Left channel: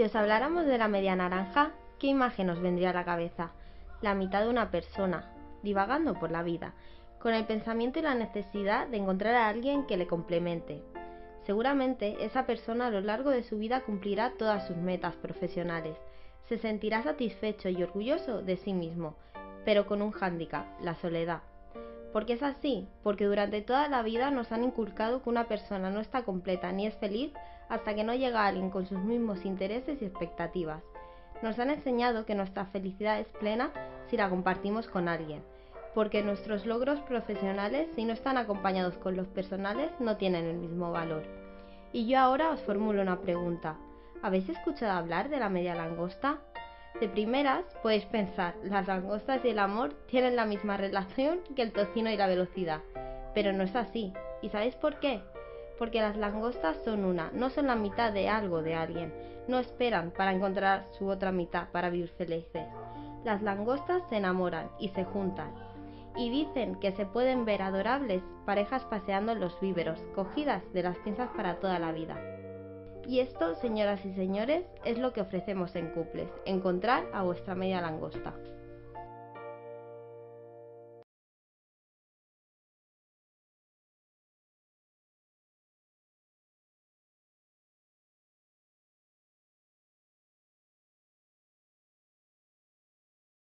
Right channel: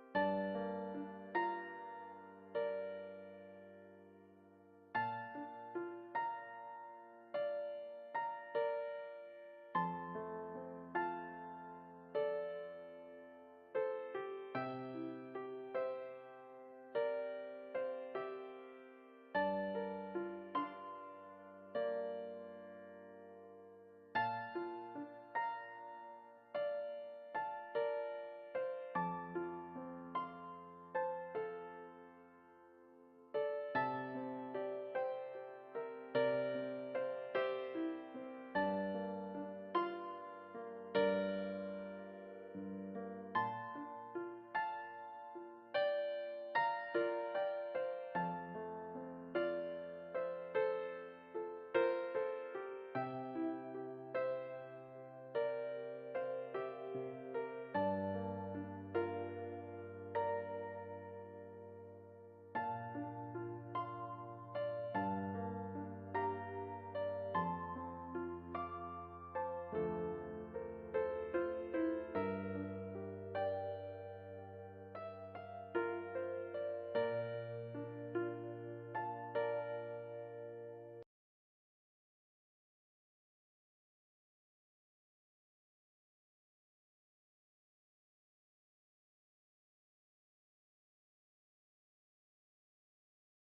Si os habláramos de la media naranja, ¿qué imagen os vendría a la cabeza? La mitad de una persona, divagando por la vida, con el pensamiento y la necesidad de encontrar a alguien que le complemente. Seguramente esa persona a lo largo de su vida cumplirá todas sus metas profesionales, se sentirá satisfecho y orgulloso de sí mismo, pero con un hándicap, la soledad. ¿Por qué es así? Porque durante toda la vida nos han inculcado que una persona no está completa ni es feliz hasta que no llega alguien con sus mismos intereses y expectativas. Nos han enseñado que nuestra felicidad es plena si la compartimos con alguien, porque nuestros logros profesionales, si no están acompañados con los personales, no tienen el mismo valor. Y yo ahora os formulo una pregunta. ¿Habéis escuchado hablar de la media langosta? De primeras podéis pensar, las langostas y el amor tienen la misma relación que el tocino y la velocidad, pero no es así. ¿Y sabéis por qué? Porque las langostas son una, no son la mitad de algo de alguien, no esperan para encontrar su otra mitad para vivir felices. Las langostas se enamoran y se juntan, y dicen que se pueden ver adorables parejas paseando en los víveros, cogidas de las pinzas para toda la vida. Y esto, señoras y señores, es lo que ofrecemos en Cuples, encontrar a vuestra media langosta.